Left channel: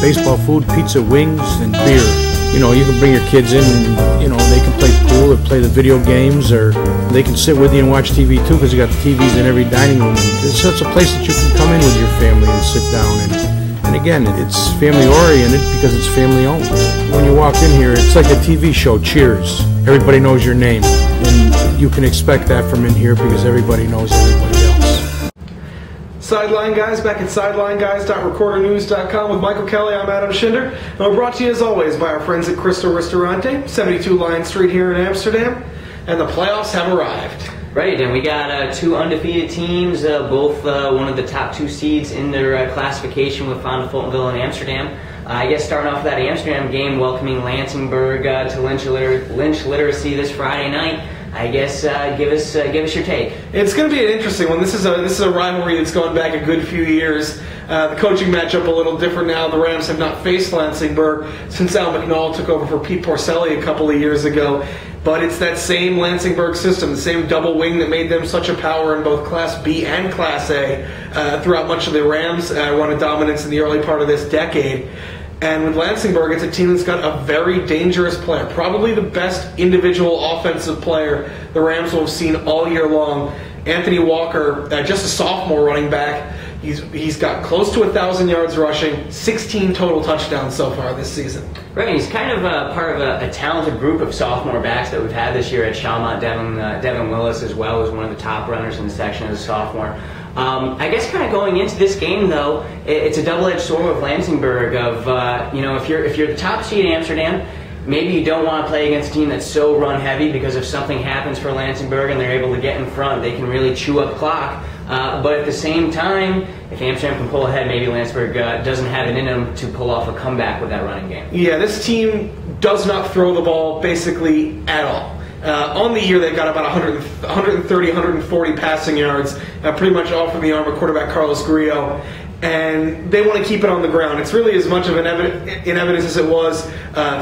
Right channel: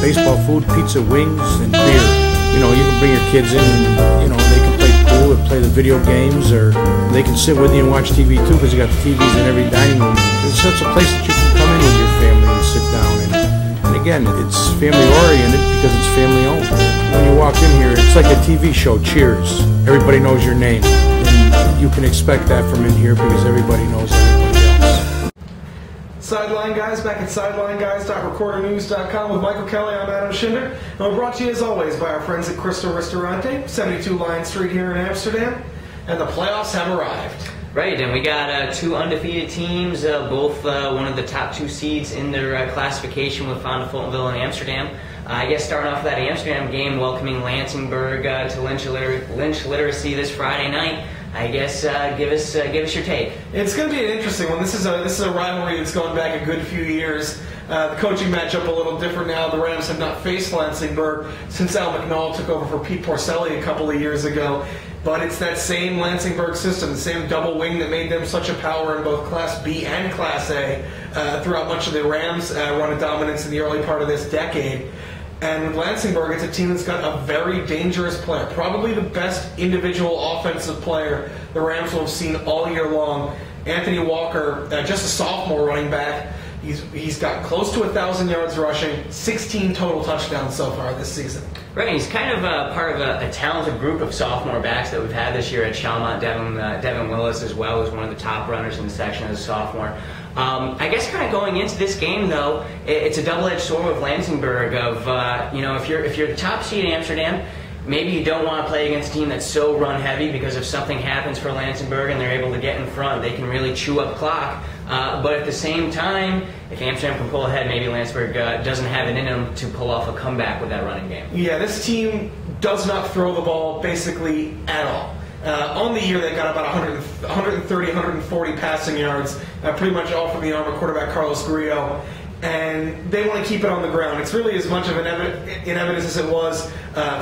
baseball food, pizza, wings, and beer. You know, you can bring your kids in, you know, they can play pool or play the video games, or they can sit with you and watch TV too, because you got TVs in every dining room. It's such a place that you can come in with your family and sit down. And again, it's family oriented because it's family owned. When you walk in here, it's like a TV show, Cheers. Everybody knows your name. And you can expect that from in here because everybody knows everybody else. Sideline Guys, back at SidelineGuys.recordernews.com with Michael Kelly. I'm Adam Schinder, and we're brought to you as always by our friends at Crystal Ristorante, 72 Lion Street here in Amsterdam, and the playoffs have arrived. Right, and we got two undefeated teams, both one of the top two seeds in their classification with Fonda Fultonville and Amsterdam. I guess starting off with that Amsterdam game, welcoming Lansingburg to Lynch Literacy this Friday night. I guess give us your take. It's going to be an interesting one. This is a rivalry that's going back a good few years. The coaching matchup a little different now. The Rams have not faced Lansingburg since Al McNall took over for Pete Porcelli a couple of years ago. But it's that same Lansingburg system, the same double wing that made them such a power in both Class B and Class A throughout much of the Rams' run of dominance in the early part of this decade. And with Lansingburg, it's a team that's got a very dangerous player, probably the best individual offensive player the Rams will have seen all year long. Anthony Walker, just a sophomore running back. He's got close to 1,000 yards rushing, 16 total touchdowns so far this season. Right, he's kind of part of a talented group of sophomore backs that we've had this year at Chalmont. Devin Willis as well was one of the top runners in the section as a sophomore. I guess kind of going into this game though, it's a double-edged sword with Lansingburg of if you're the top seed in Amsterdam, maybe you don't want to play against a team that's so run-heavy, because if something happens for Lansingburg and they're able to get in front, they can really chew up clock. But at the same time, if Amsterdam can pull ahead, maybe Lansingburg doesn't have it in them to pull off a comeback with that running game. Yeah, this team does not throw the ball basically at all. On the year, they've got about 130, 140 passing yards, pretty much all from the arm of quarterback Carlos Grillo. And they want to keep it on the ground. It's really as much of in evidence as it was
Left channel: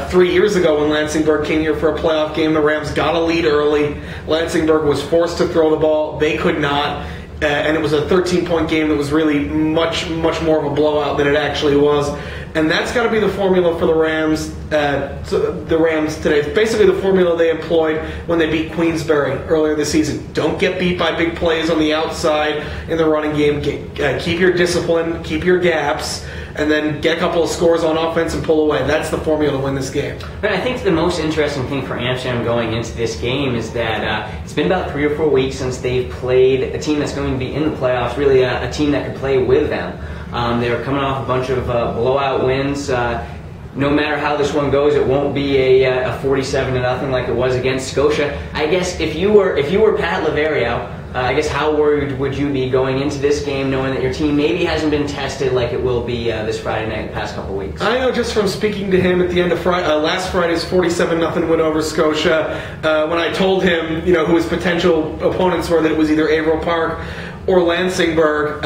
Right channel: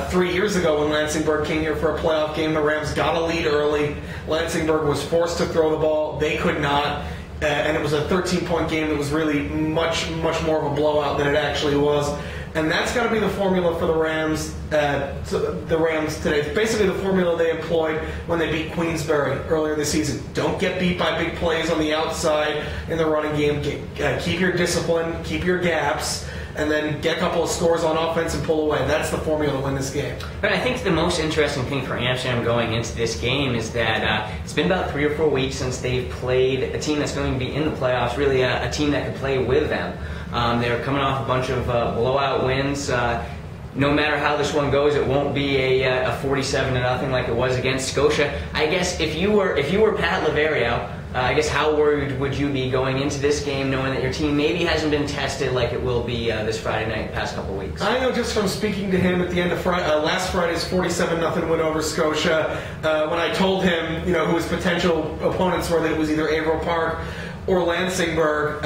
3 years ago when Lansingburg came here for a playoff game. The Rams got a lead early. Lansingburg was forced to throw the ball. They could not. And it was a 13-point game that was really much more of a blowout than it actually was. And that's got to be the formula for the Rams today. It's basically the formula they employed when they beat Queensbury earlier this season. Don't get beat by big plays on the outside in the running game. Keep your discipline, keep your gaps, and then get a couple of scores on offense and pull away. That's the formula to win this game. But I think the most interesting thing for Amsterdam going into this game is that it's been about 3 or 4 weeks since they've played a team that's going to be in the playoffs, really a team that could play with them. They're coming off a bunch of blowout wins. No matter how this one goes, it won't be a 47-0 like it was against Scotia. I guess if you were Pat Laverio, I guess how worried would you be going into this game, knowing that your team maybe hasn't been tested like it will be this Friday night the past couple of weeks? I know just from speaking to him at the end of last Friday's 47-0 win over Scotia, when I told him who his potential opponents were, that it was either Averill Park or Lansingburg.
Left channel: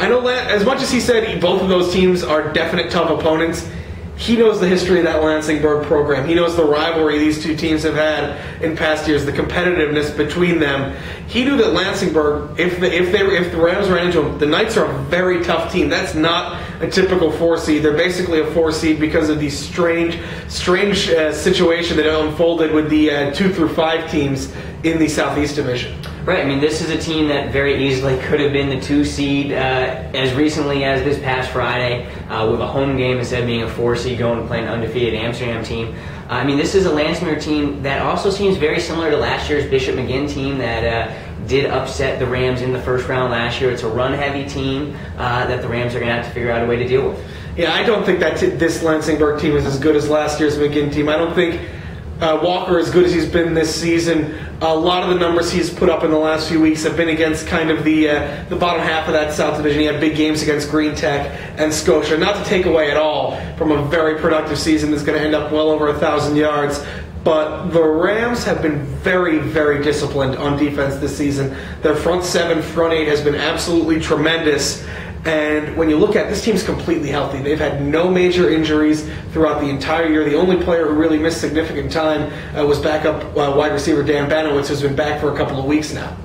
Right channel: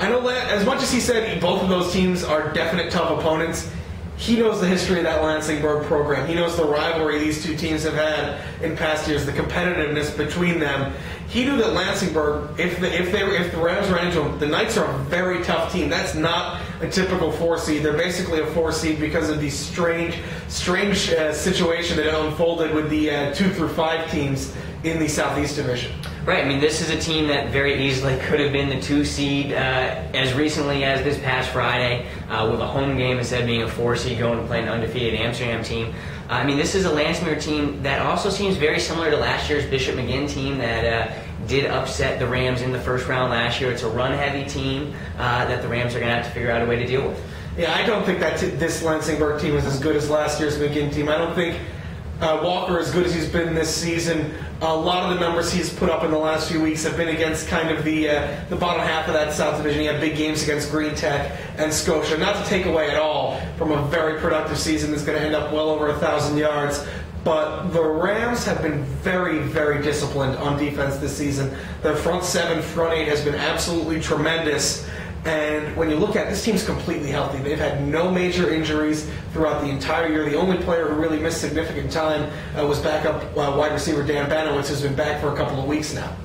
I know as much as he said both of those teams are definite tough opponents, he knows the history of that Lansingburg program. He knows the rivalry these two teams have had in past years, the competitiveness between them. He knew that Lansingburg, if the Rams ran into them, the Knights are a very tough team. That's not a typical 4 seed. They're basically a 4 seed because of the strange situation that unfolded with the 2 through 5 teams in the Southeast Division. Right, I mean, this is a team that very easily could have been the 2 seed as recently as this past Friday with a home game instead of being a 4 seed going to play an undefeated Amsterdam team. I mean, this is a Lansingburg team that also seems very similar to last year's Bishop McGinn team that did upset the Rams in the first round last year. It's a run-heavy team that the Rams are going to have to figure out a way to deal with. Yeah, I don't think that this Lansingburg team is as good as last year's McGinn team. I don't think Walker, as good as he's been this season, a lot of the numbers he's put up in the last few weeks have been against kind of the bottom half of that South Division. He had big games against Green Tech and Scotia. Not to take away at all from a very productive season that's going to end up well over 1,000 yards. But the Rams have been very, very disciplined on defense this season. Their front 7, front 8 has been absolutely tremendous. And when you look at this team's completely healthy. They've had no major injuries throughout the entire year. The only player who really missed significant time was backup wide receiver Dan Banowitz, who's been back for a couple of weeks now.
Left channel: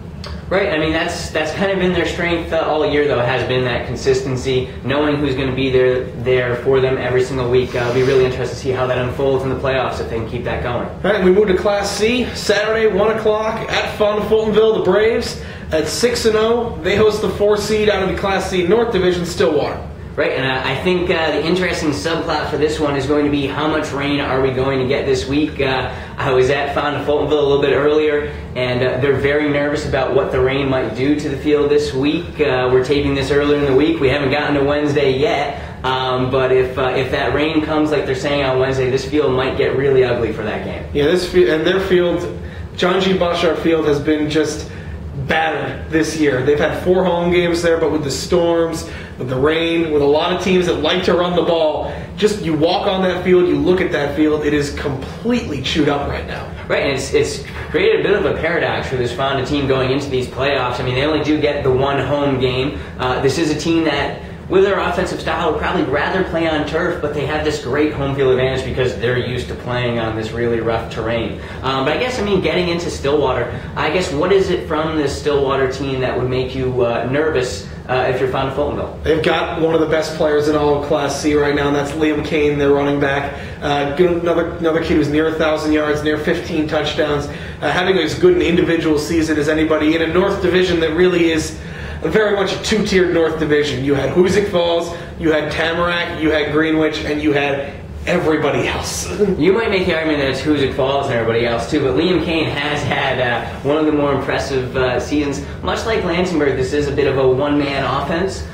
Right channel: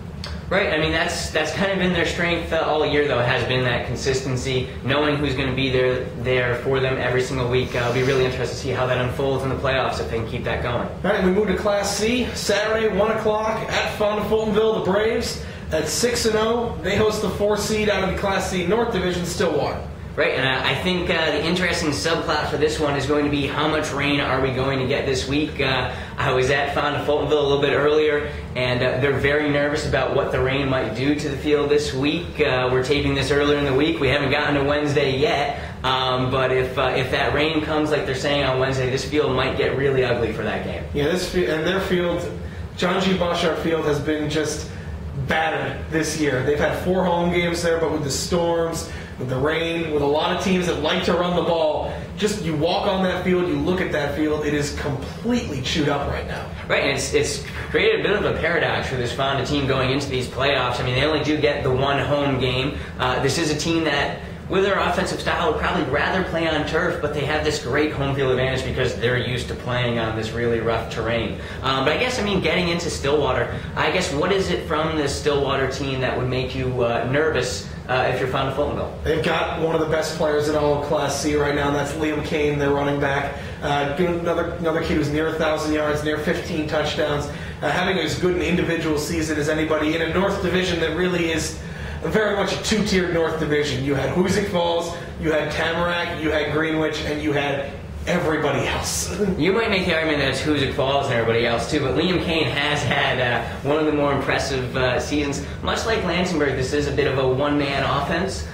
Right, I mean, that's kind of been their strength all year, though, has been that consistency, knowing who's going to be there for them every single week. It'll be really interesting to see how that unfolds in the playoffs if they can keep that going. All right, and we move to Class C, Saturday, 1 o'clock at Fonda Fultonville. The Braves at 6-0. They host the 4 seed out of the Class C North Division, Stillwater. Right, and I think the interesting subplot for this one is going to be how much rain are we going to get this week. I was at Fonda Fultonville a little bit earlier, and they're very nervous about what the rain might do to the field this week. We're taping this earlier in the week. We haven't gotten to Wednesday yet, but if that rain comes like they're saying on Wednesday, this field might get really ugly for that game. Yeah, and their field, John G. Boschart Field, has been just battered this year. They've had 4 home games there, but with the storms, with the rain, with a lot of teams that like to run the ball, just you walk on that field, you look at that field, it is completely chewed up right now. Right, and it's created a bit of a paradox for this Fonda team going into these playoffs. I mean, they only do get the 1 home game. This is a team that, with their offensive style, would probably rather play on turf, but they have this great home field advantage because they're used to playing on this really rough terrain. But I guess, getting into Stillwater, I guess what is it from this Stillwater team that would make you nervous if you're Fonda Fultonville? They've got one of the best players in all of Class C right now, and that's Liam Kane, their running back. Another kid who's near 1,000 yards, near 15 touchdowns, having as good an individual season as anybody in a North Division that really is very much a 2-tiered North Division. You had Hoosick Falls, you had Tamarack, you had Greenwich, and you had everybody else. You might make the argument that it's Hoosick Falls and everybody else too, but Liam Kane has had one of the more impressive seasons. Much like Lansingburg, this is a bit of a one-man offense.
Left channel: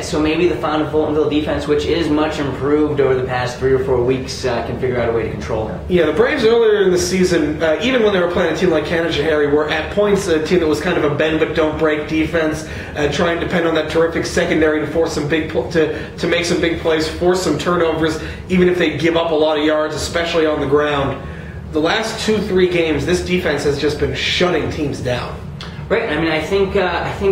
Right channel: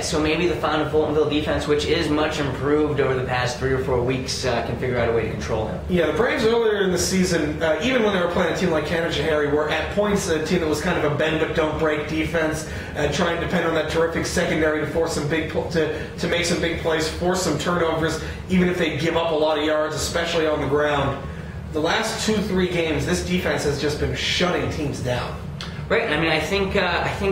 So maybe the Fonda Fultonville defense, which is much improved over the past 3 or 4 weeks, can figure out a way to control him. Yeah, the Braves earlier in the season, even when they were playing a team like Canajoharie, were at points a team that was kind of a bend but don't break defense, trying to depend on that terrific secondary to force some to make some big plays, force some turnovers, even if they give up a lot of yards, especially on the ground. The last 2-3 games, this defense has just been shutting teams down. Right. I think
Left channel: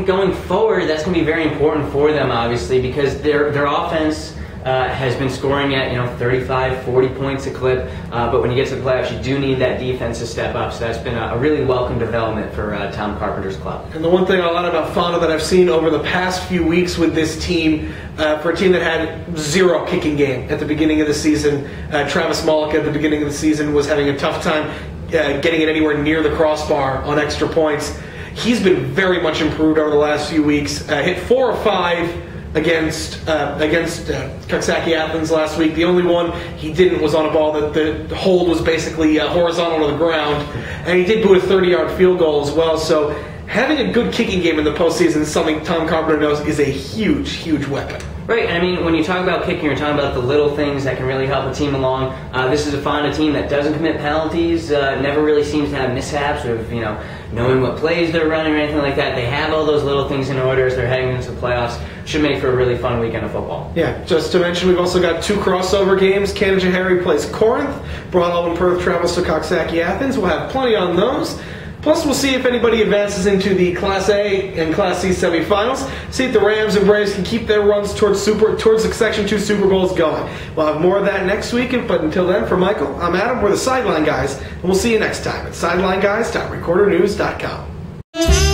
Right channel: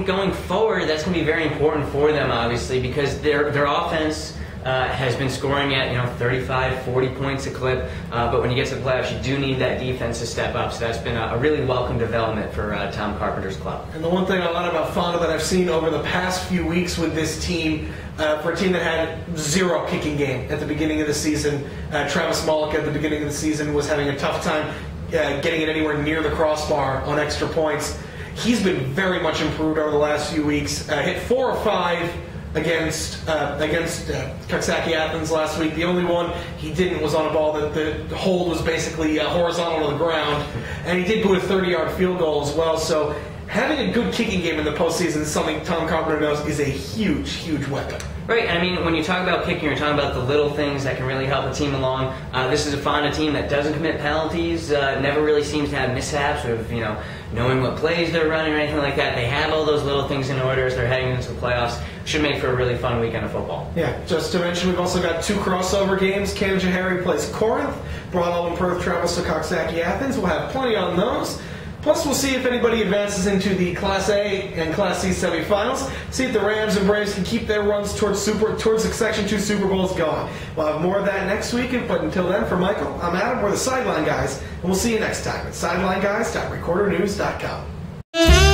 going forward, that's going to be very important for them, obviously, because their offense has been scoring at 35, 40 points a clip. But when you get to the playoffs, you do need that defense to step up. So that's been a really welcome development for Tom Carpenter's club. And the one thing a lot about Fonda that I've seen over the past few weeks with this team, for a team that had 0 kicking game at the beginning of the season, Travis Mullick at the beginning of the season was having a tough time getting it anywhere near the crossbar on extra points. He's been very much improved over the last few weeks. Hit 4 or 5 against Coxsackie Athens last week. The only one he didn't was on a ball that the hold was basically horizontal to the ground. And he did boot a 30-yard field goal as well. So having a good kicking game in the postseason is something Tom Carpenter knows is a huge, huge weapon. Right, and when you talk about kicking, you're talking about the little things that can really help a team along. This is a Fonda team that doesn't commit penalties, never really seems to have mishaps of, knowing what plays they're running or anything like that. They have all those little things in order as they're heading into the playoffs. Should make for a really fun weekend of football. Yeah, just to mention, we've also got 2 crossover games. Canajoharie plays Corinth. Broad Alban Perth travels to Coxsackie Athens. We'll have plenty on those. Plus, we'll see if anybody advances into the Class A and Class C semifinals. See if the Rams and Braves can keep their runs towards the Section 2 Super Bowls going. We'll have more of that next week, but until then, for Michael, I'm Adam. We're the Sideline Guys, and we'll see you next time at SidelineGuys.recordernews.com.